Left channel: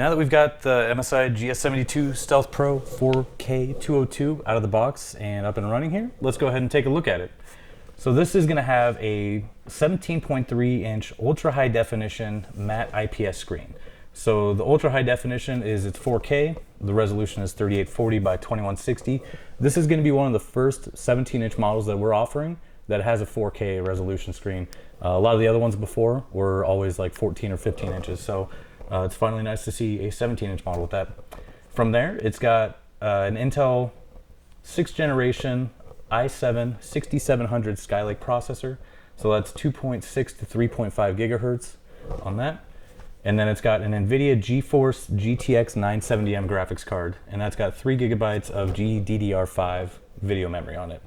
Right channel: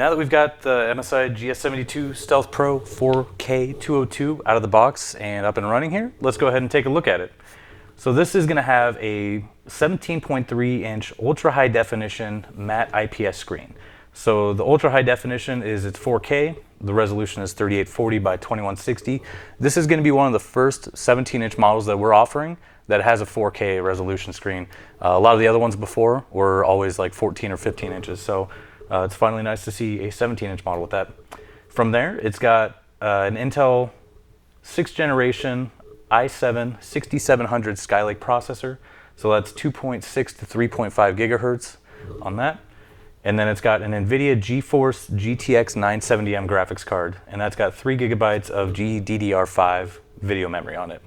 now that we've got the MSI GS72 Stealth Pro 4K 202 out of the box and up and running here, let's go ahead and take a look at it. So this is going to have a 17.3 inch ultra high definition matte IPS screen. So the ultra high definition is it's 4K, the resolution is 3840 by 2160. This is going to be one of the first 17 inch models that we're offering that has a 4K resolution screen. A lot of the other ones before were always like 14 or 15 inches, so it's finally nice to see a 17 inch model with that. From there, it's got an Intel 6th generation i7 6700 Skylake processor, so that's 2.6 to 3.5 gigahertz on that. And then it's got an NVIDIA GeForce GTX 970M graphics card, and that's got 3 gigabytes of GDDR5 video memory on it.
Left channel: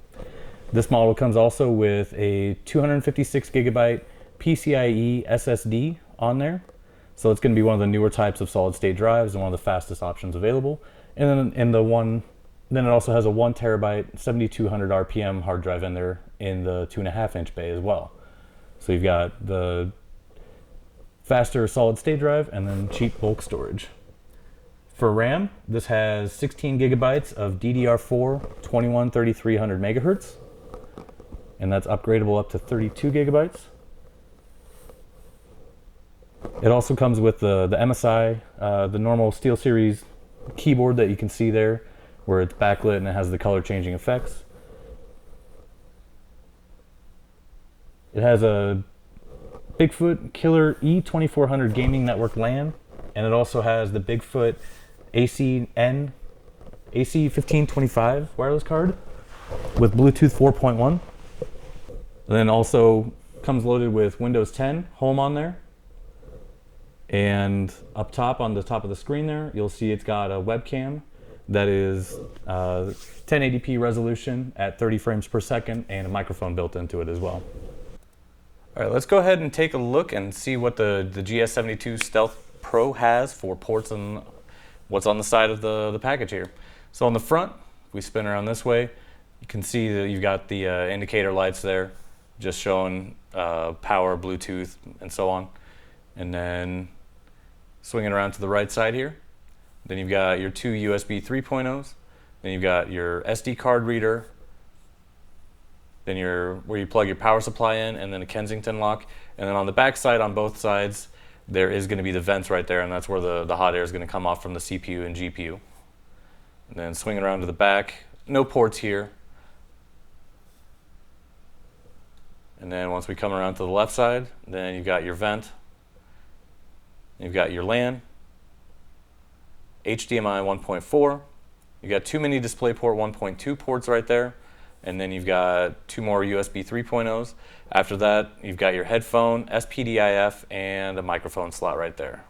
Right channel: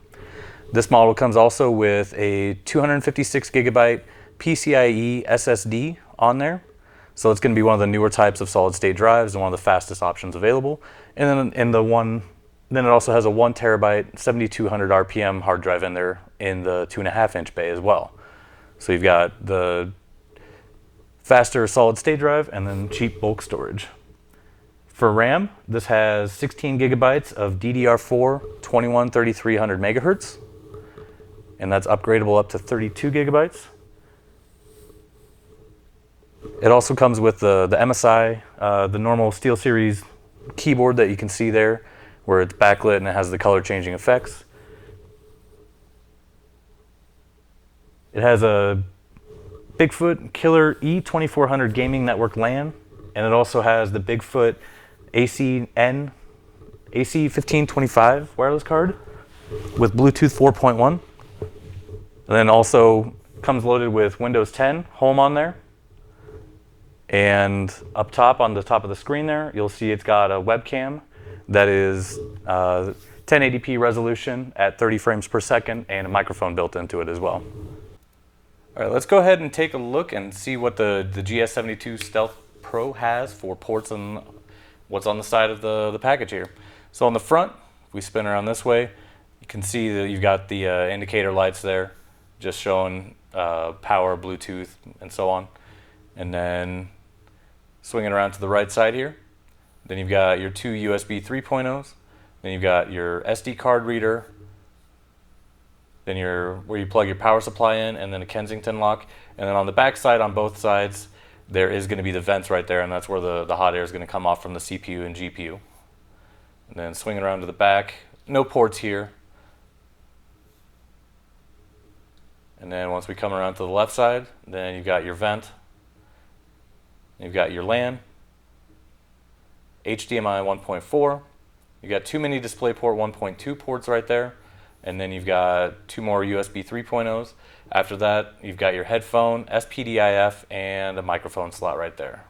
This model comes also with a 256 gigabyte PCIe SSD on there. So it's going to be one of the newer types of solid state drives and one of the fastest options available. And then it also has a 1 terabyte 7200 RPM hard drive in there in the 2.5 inch bay as well. So you've got the faster solid state drive and then cheap bulk storage. For RAM, this has 16 gigabytes of DDR4 213300 megahertz, and that's upgradable up to 32 gigabytes. It also comes with the MSI, the normal SteelSeries keyboard that you can see there, where it's backlit and it has the color changing effects. It has a Bigfoot Killer E2400 Gaming Network LAN, and it also has the Bigfoot AC1525 wireless card with Bluetooth 4.1. And then also comes loaded with Windows 10 Home on there. And up top, on the top of the screen there, you'll see it's got a webcam that is 1080p resolution at 30 frames per second and a microphone built into it as well. All right, let's go ahead and take a look and see what the GS72 Stealth Pro has for ports and what's on the side of the package here. So on the front, if we spin around this way, you can see that you've got the indicator lights there, just showing power, Bluetooth, and so on. And then swinging around to the right side here, then you've got your 2 USB 3.0s, then you've got your SD card reader, then where you plug your power supply in, and then a Kensington lock. And then on the back side, on both sides, there is going to be the vents right there, and that's where the hot air is going to come off from the CPU and GPU. And then swinging around to the back, no ports here. And then once we come around to the left side, then you've got your vent, you've got your LAN, HDMI 1.4, you've got 2 mini DisplayPort 1.2 ports right there, and then you've got 2 more USB 3.0s. After that, you've got your headphone, SPDIF, and a microphone slot right there.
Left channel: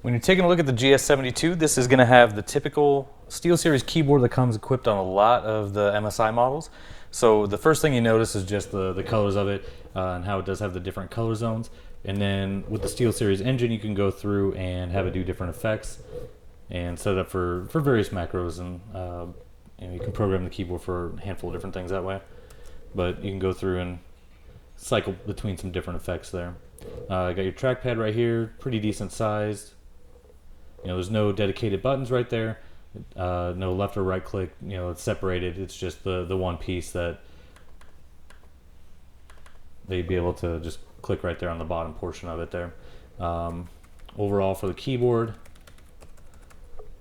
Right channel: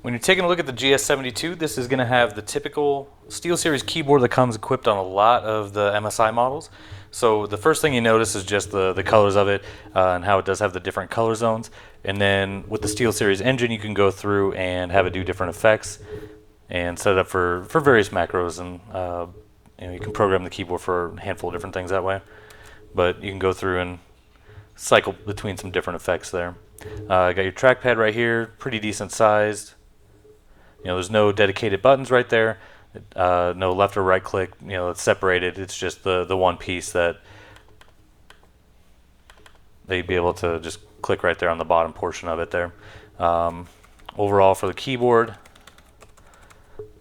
When you're taking a look at the GS72, this is going to have the typical SteelSeries keyboard that comes equipped on a lot of the MSI models. So the first thing you notice is just the colors of it and how it does have the different color zones. And then with the SteelSeries engine, you can go through and have it do different effects and set it up for various macros, and you can program the keyboard for a handful of different things that way. But you can go through and cycle between some different effects there. You got your trackpad right here, pretty decent sized. There's no dedicated buttons right there. No left or right click. It's separated. It's just the one piece that they'd be able to just click right there on the bottom portion of it there. Overall, for the keyboard,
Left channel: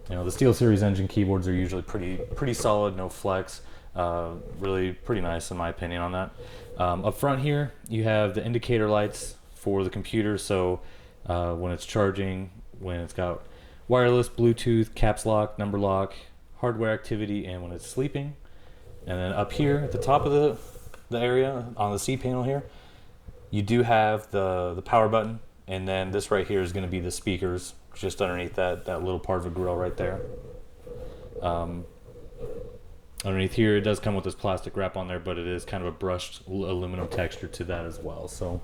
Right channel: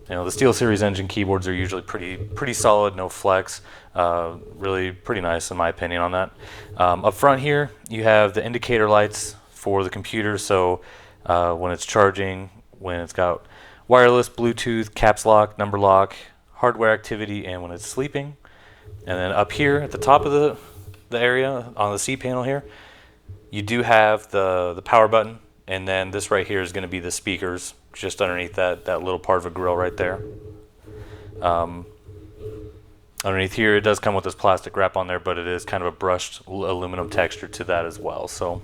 the SteelSeries engine keyboards are usually pretty solid, no flex. Really pretty nice in my opinion on that. Up front here, you have the indicator lights for the computer. So when it's charging, when it's got wireless, Bluetooth, caps lock, number lock, hardware activity, and when it's sleeping. And then up here at the top of the area on the C panel here, you do have the power button, and then this right here is going to be the speakers just underneath that little part of a grill right there. Underneath here, it does come with this plastic wrap on there, but it is kind of a brushed aluminum texture to that as well. So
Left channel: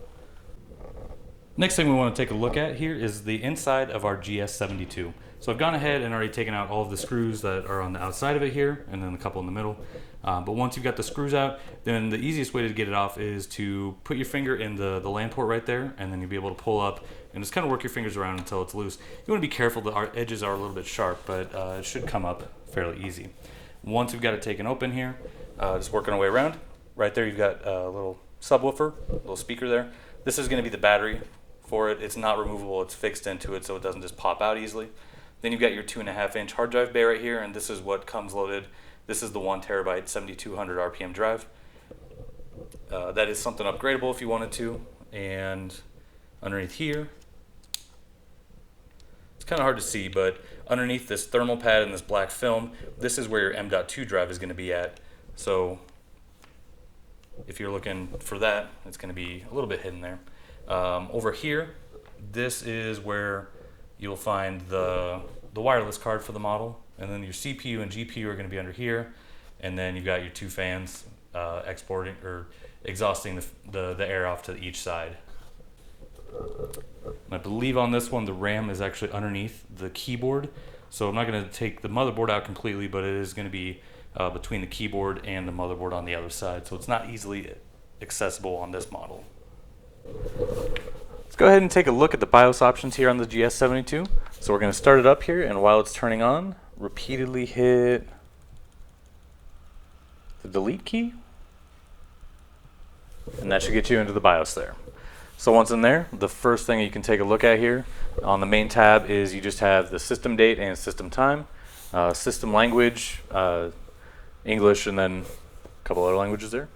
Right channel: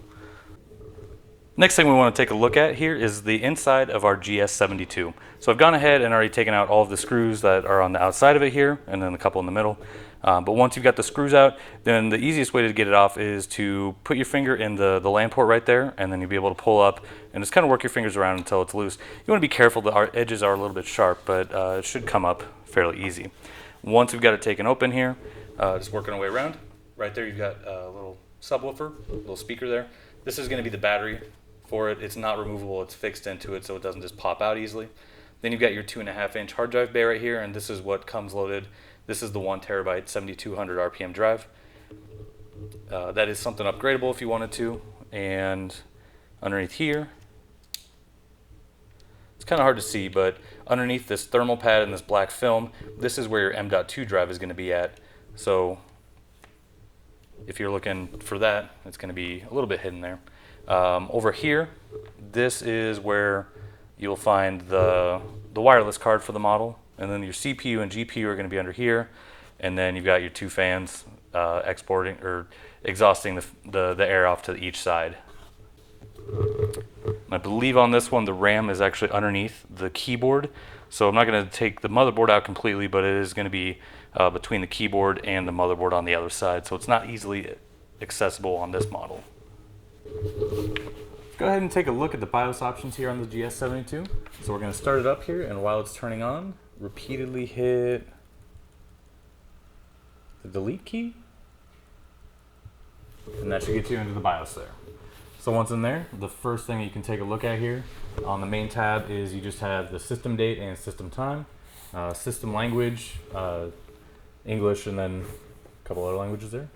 next thing we want to take a look at here is the inside of our GS72. So I've gone ahead and already taken out all of the screws that are on the outside of it here, and then a couple in the middle. But once you've got the screws out, then the easiest way to get it off is to put your finger in the LAN port right there, and then you'll be able to pull up and just kind of work your fingers around until it's loose. You want to be careful, the edges are a little bit sharp, but it should come up fairly easy. Once we've got it taken open here, just working our way around. Right there you've got a little subwoofer, a little speaker there. This is going to be the battery for it. It's not removable, it's fixed into it so it doesn't just pop out easily. Then you've got your 2.5-inch hard drive bay right here, and this is what comes loaded. This is the 1 terabyte 7200 RPM drive. That is something upgradable if you wanted to. And underneath here, it's kind of hard to see, but underneath this thermal pad and this black film, this is where your M.2 drive is going to be at. So if you're looking for that, it's going to be a little bit hidden there. Over here, this is where you'll find the wireless card for the model, and then your CPU and GPU are going to be under here, and then you've got your 2 fans exporting or exhausting the air off to each side. I believe on this one the RAM is actually underneath the keyboard, so I'm not going to take the motherboard out completely, but it is going to be between the keyboard and the motherboard on the other side, so it's not easily accessible on this model. Let's go ahead and take a look at the BIOS options here on the GS72. So we're going to start it up here, and while it's turning on, repeatedly hit the delete key, and that should get you into the BIOS there. So once in there, the first thing you can take a look at here on the main tab is you just have the system date and system time, system language, English, and then a couple other languages there.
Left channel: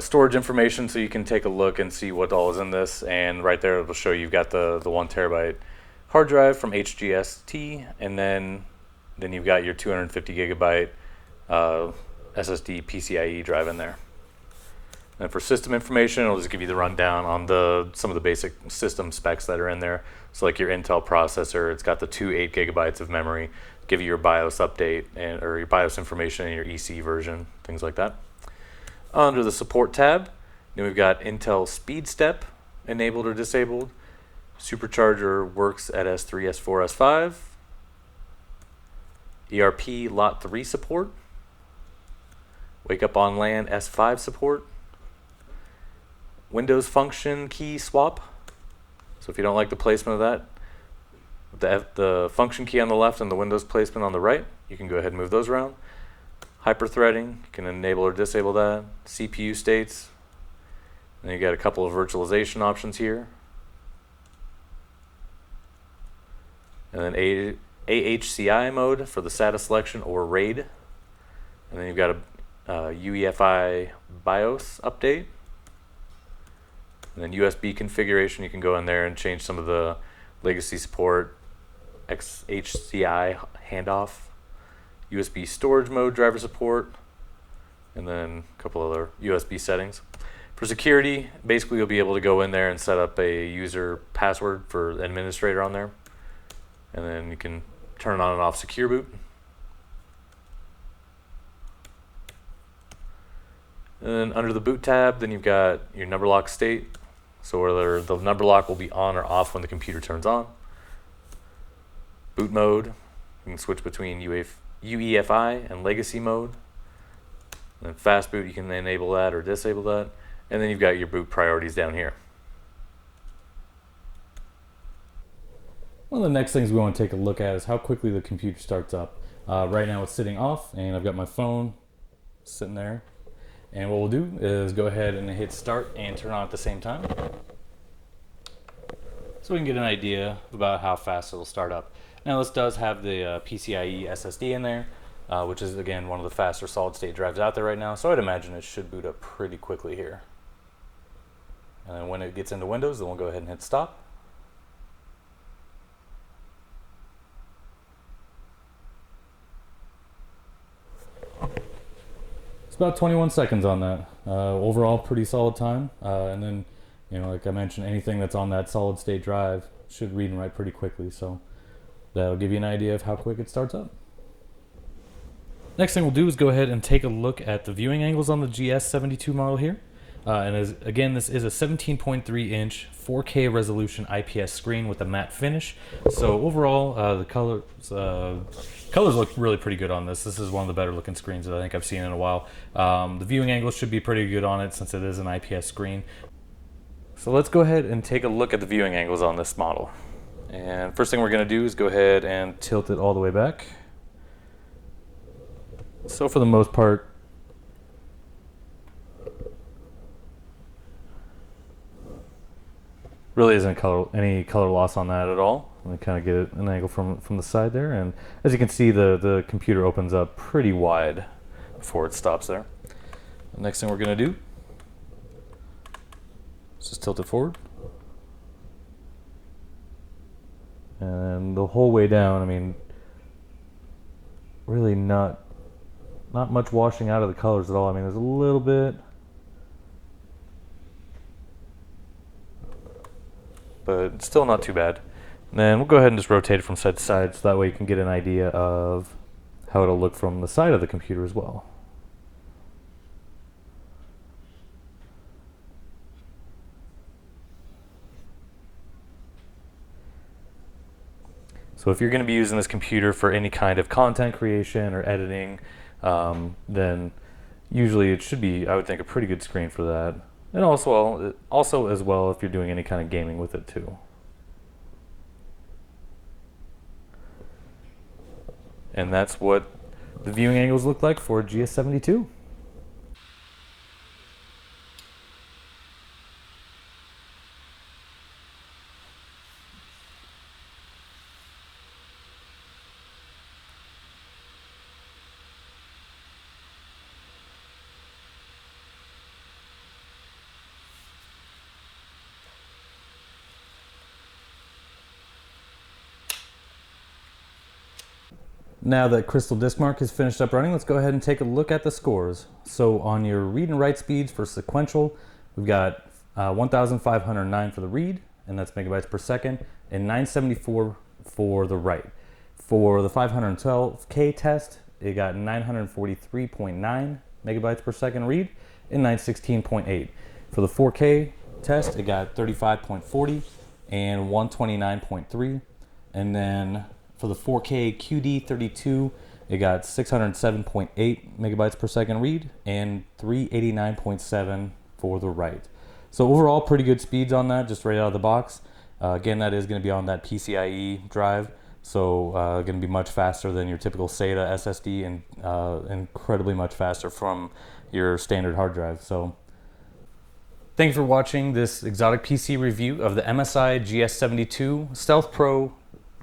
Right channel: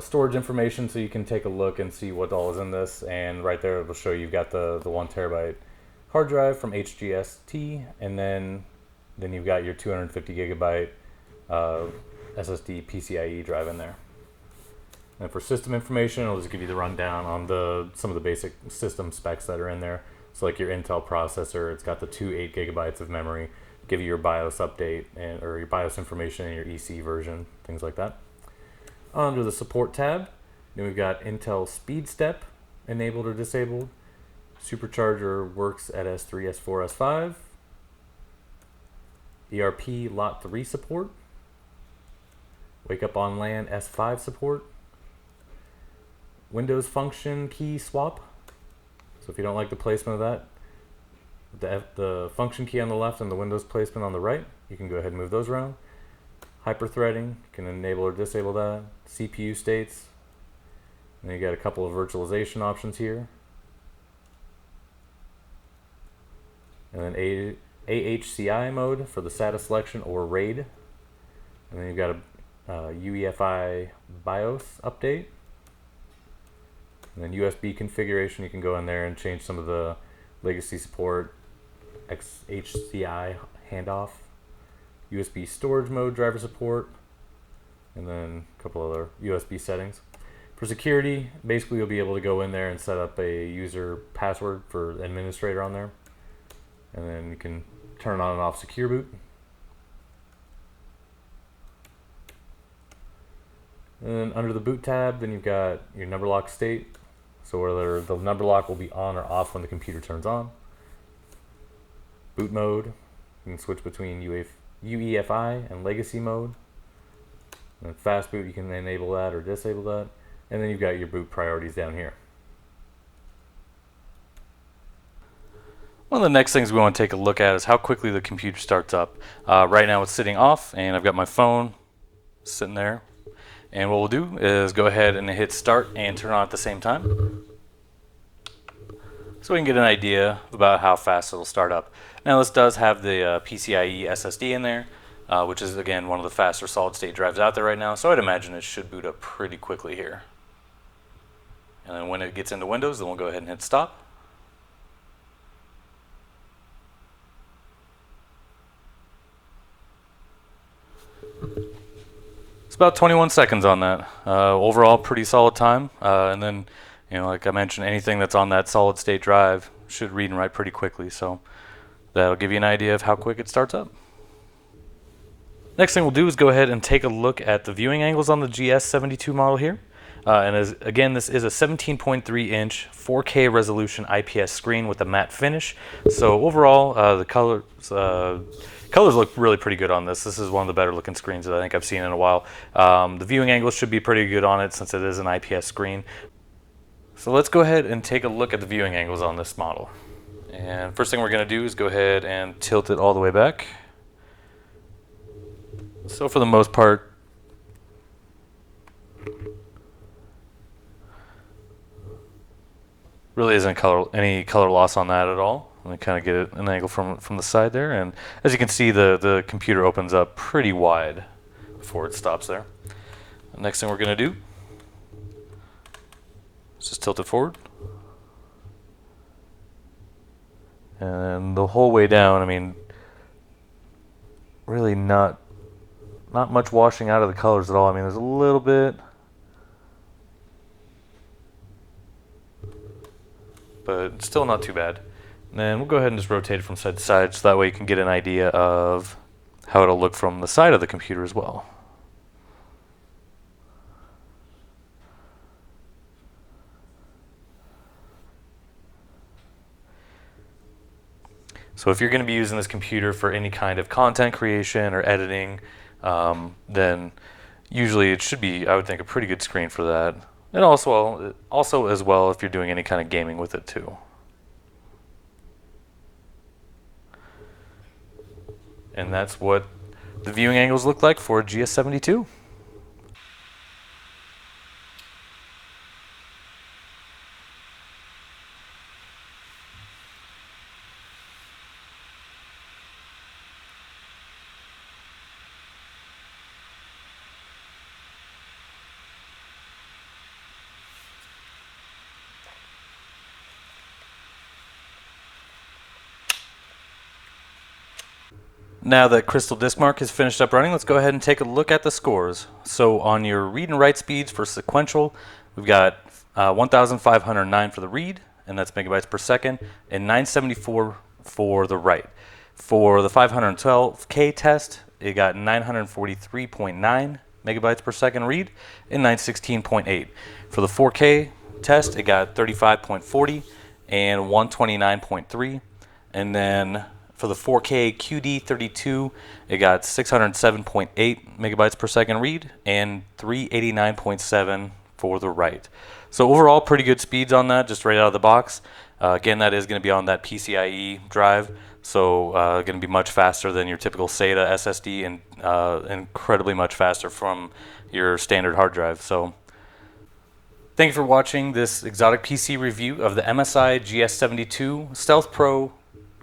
Storage information, so you can take a look and see what all is in this, and right there it will show you've got the 1 terabyte hard drive from HGST, and then you've got your 250 gigabyte SSD PCIe drive in there. And for system information, it'll just give you the rundown on some of the basic system specs that are in there. So like your Intel processor, it's got the 2 8 gigabytes of memory, give you your BIOS update or your BIOS information and your EC version, things like that. Under the support tab, then we've got Intel SpeedStep enabled or disabled. Supercharger works at S3, S4, S5. ERP Lot 3 support. Wake up on LAN S5 support. Windows function key swap. So if you don't like the placement of that, the function key on the left and the Windows placement on the right, you can go ahead and move those around. Hyperthreading, you can enable or disable that. CPU states. And you got a couple of virtualization options here. And then AHCI mode for the SATA selection or RAID. And then you've got a UEFI BIOS update. And then USB configuration, you can go in there and change some of the legacy support, XHCI handoff, USB storage mode driver support, and then a couple other USB settings. For security, basically you'll be able to go in there and set up a user password for the administrator on there. And then you can turn on and off secure boot. And then under the boot tab, then you've got your number lock state. So whether the number lock will be on or off when the computer turns on. Boot mode, you can switch between UEFI and legacy mode. And then fast boot, you can enable that or disable that. And then you've got your boot priorities down here. One of the next things we want to take a look at is how quickly the computer starts up. Right now it's sitting off, and I've got my phone sitting there. And what we'll do is go ahead and hit start and turn on at the same time, so we can get an idea about how fast it'll start up. Now this does have the PCIe SSD in there, which is again one of the faster solid state drives out there right now, so I'd imagine it should boot up pretty quickly here. And then when it gets into Windows, then we'll go ahead and hit stop. It's about 21 seconds on that. Overall, pretty solid time. And then, like I mentioned, anything that's on that solid state drive should read and write pretty quickly. So that'll give you an idea of how quick it starts up. Next thing we'll do is go ahead and take a look at the viewing angles on the GS72 model here. Again, this is a 17.3-inch 4K resolution IPS screen with a matte finish. So overall, the colors Colors look really pretty good on this. This is one of the better looking screens that I think I've seen in a while. The viewing angle should be pretty good on it since it is an IPS screen. So let's go ahead and take a look at the viewing angles on this model. And first thing we're going to do is go ahead and tilt it all the way back. So for the most part, really isn't any color loss on that at all. Let me kind of get an angle from the side there, and as you can see, the computer opens up pretty wide before it stops there. The next thing we're going to do is just tilt it forward, and the whole way down. I mean, really not much washing out of the colors at all. I mean, there's a little bit, but still not too bad. And then we'll go ahead and just rotate it from side to side so that way you can get an idea of how it'll look from the side of the computer as well. So if you're going to be using this computer for any kind of content creation or editing, then usually it should be, I would think, a pretty good screen for that. And also as well if you're doing any kind of gaming with it too. And that's what the viewing angles look like for a GS72. Now that Crystal Disk Mark has finished up running, let's go ahead and take a look at the scores. So on your read and write speeds for sequential, we've got 1,509 for the read, and that's megabytes per second, and 974 for the write. For the 512K test, it got 943.9 megabytes per second read and 916.8. For the 4K test, it got 35.40 and 129.3, and then for the 4K QD32, it got 607.8 megabytes per second read and 389.7 for the write. So overall, pretty good speeds on that, just right out of the box. Again, that is going to be on that PCIe drive, so going to be much faster than your typical SATA SSD and incredibly much faster from your standard hard drive. So thank you for watching this exotic PC review of the MSI GS72 Stealth Pro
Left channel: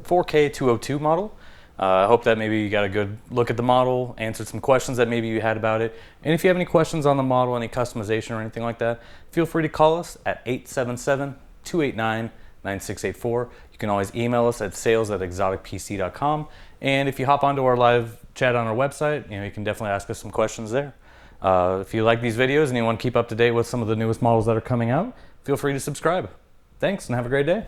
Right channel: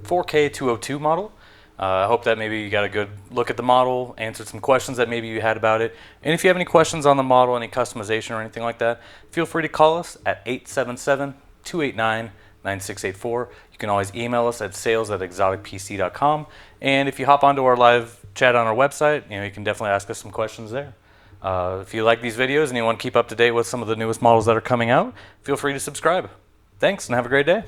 4K 202 model. I hope that maybe you got a good look at the model, answered some questions that maybe you had about it. And if you have any questions on the model, any customization or anything like that, feel free to call us at 877-289-9684. You can always email us at sales@exoticpc.com. And if you hop onto our live chat on our website, you can definitely ask us some questions there. If you like these videos and you want to keep up to date with some of the newest models that are coming out, feel free to subscribe. Thanks and have a great day.